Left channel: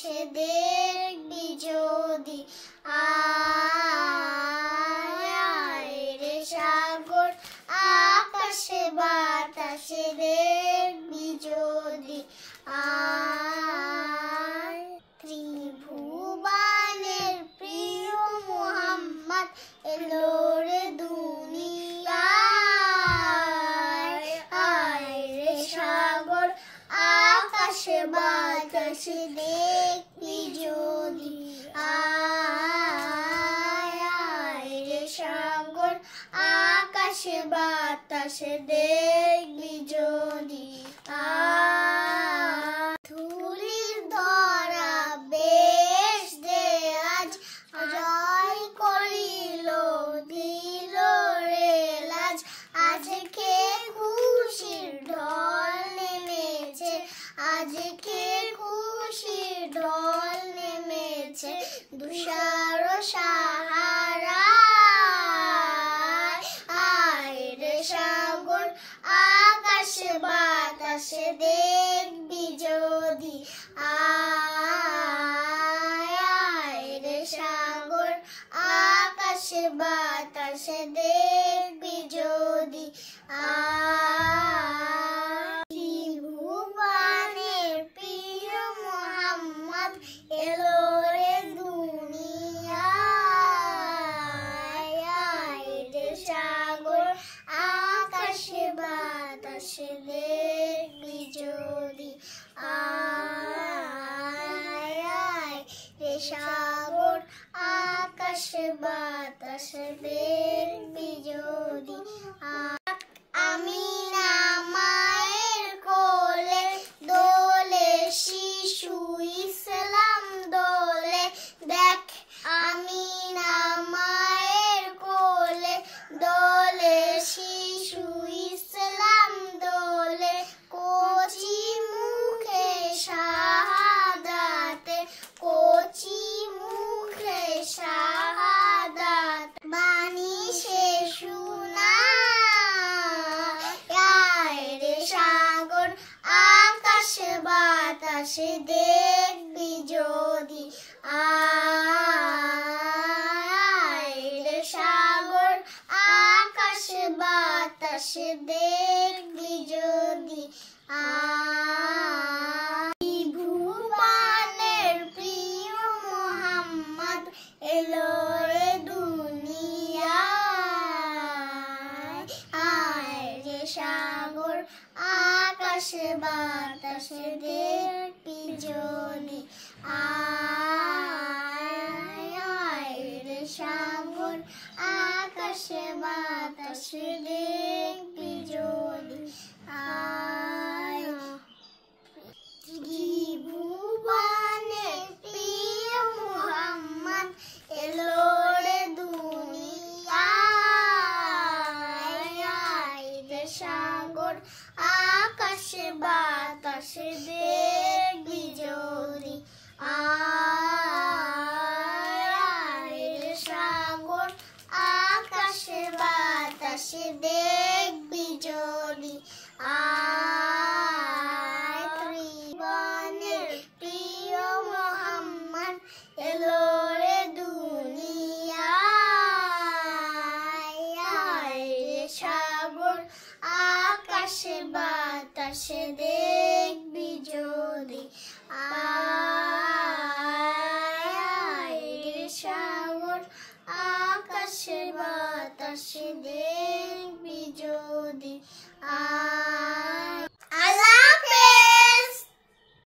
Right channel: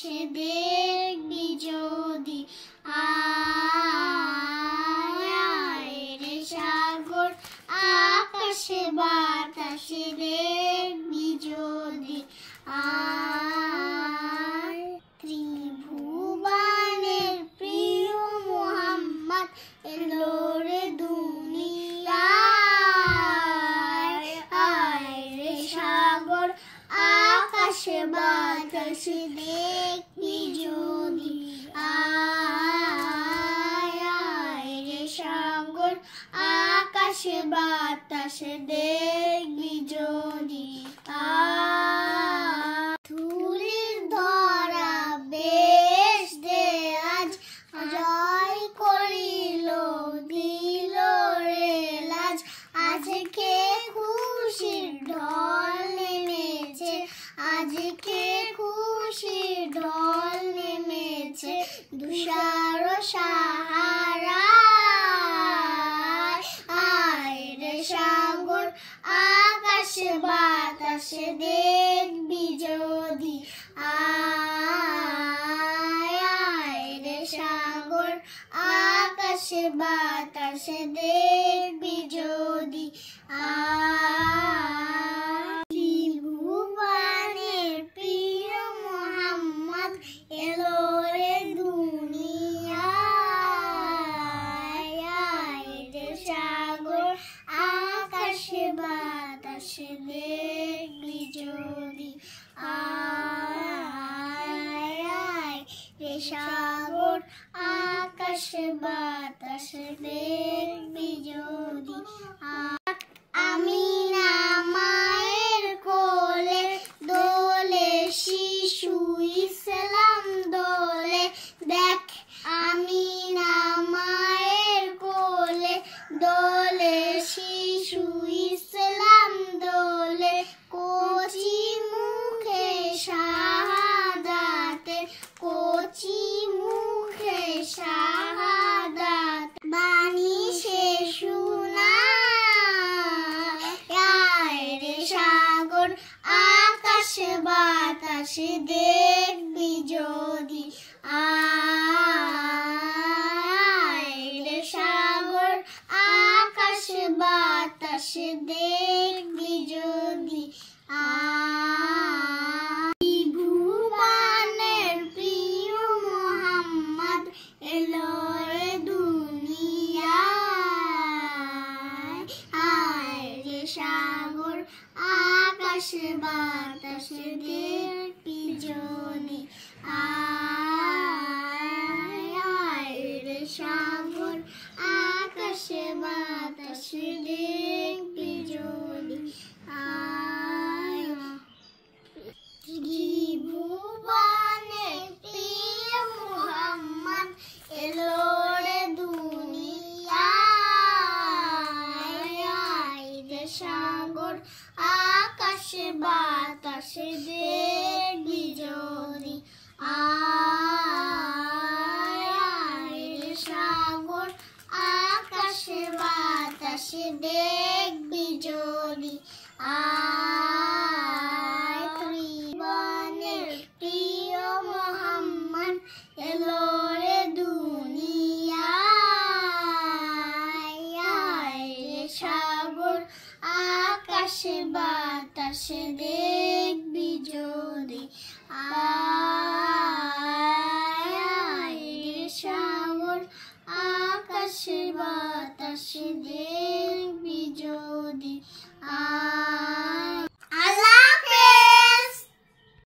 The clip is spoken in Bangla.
বাতাসে দেখবি যদি, আয় আয় রে সাগর, আকাশে বাতাসে দেখবি যদি, আয়। ত্রিভুবনের প্রিয় মোহাম্মদ এলো রে দুনিয়ায়, আয় রে সাগর, আকাশে বাতাসে দেখবি যদি, আয় আয় রে সাগর, আকাশে বাতাসে দেখবি যদি, ধুলির ধরা বেশ দে আজ, জয় করিল দিল রে লাজ, আজকে খুশির ঢল নেমেছে, আজকে খুশির ঢল নেমেছে, তুষার সাহারায়, আয় রে সাগর, আকাশে বাতাসে দেখবি যদি, আয় আয় রে সাগর, আকাশে বাতাসে দেখবি যদি, ত্রিভুবনের প্রিয় মোহাম্মদ এলো রে দুনিয়ায়, আয় রে সাগর, আকাশে বাতাসে দেখবি যদি, আয় আয় রে সাগর, আকাশে বাতাসে দেখবি যদি, আমিনা মায়ের কোলে দোলে শিশু ইসলাম দোলে, দেখ আমিনা মায়ের কোলে দোলে শিশু ইসলাম দোলে, কচি মুখে শাহাদাতে, কচি মুখে শাহাদাত, বাণী সে শোনায়, আয় রে সাগর, আকাশে বাতাসে দেখবি যদি, আয় রে সাগর, আকাশে বাতাসে দেখবি যদি, ত্রিভুবনের প্রিয় মোহাম্মদ এলো রে দুনিয়ায়, আয় রে সাগর, আকাশে বাতাসে দেখবি যদি, আয় আয় রে সাগর, আকাশে বাতাসে দেখবি যদি, আয়। ত্রিভুবনের প্রিয় মোহাম্মদ এলো রে দুনিয়ায়, আয় রে সাগর, আকাশে বাতাসে দেখবি যদি, আয় আয় রে সাগর, আকাশে বাতাসে দেখবি যদি, আয়। ত্রিভুবনের প্রিয় মোহাম্মদ এলো রে দুনিয়ায়, আয় রে সাগর, আকাশে বাতাসে দেখবি যদি, আয় আয় রে সাগর, আকাশে বাতাসে দেখবি যদি,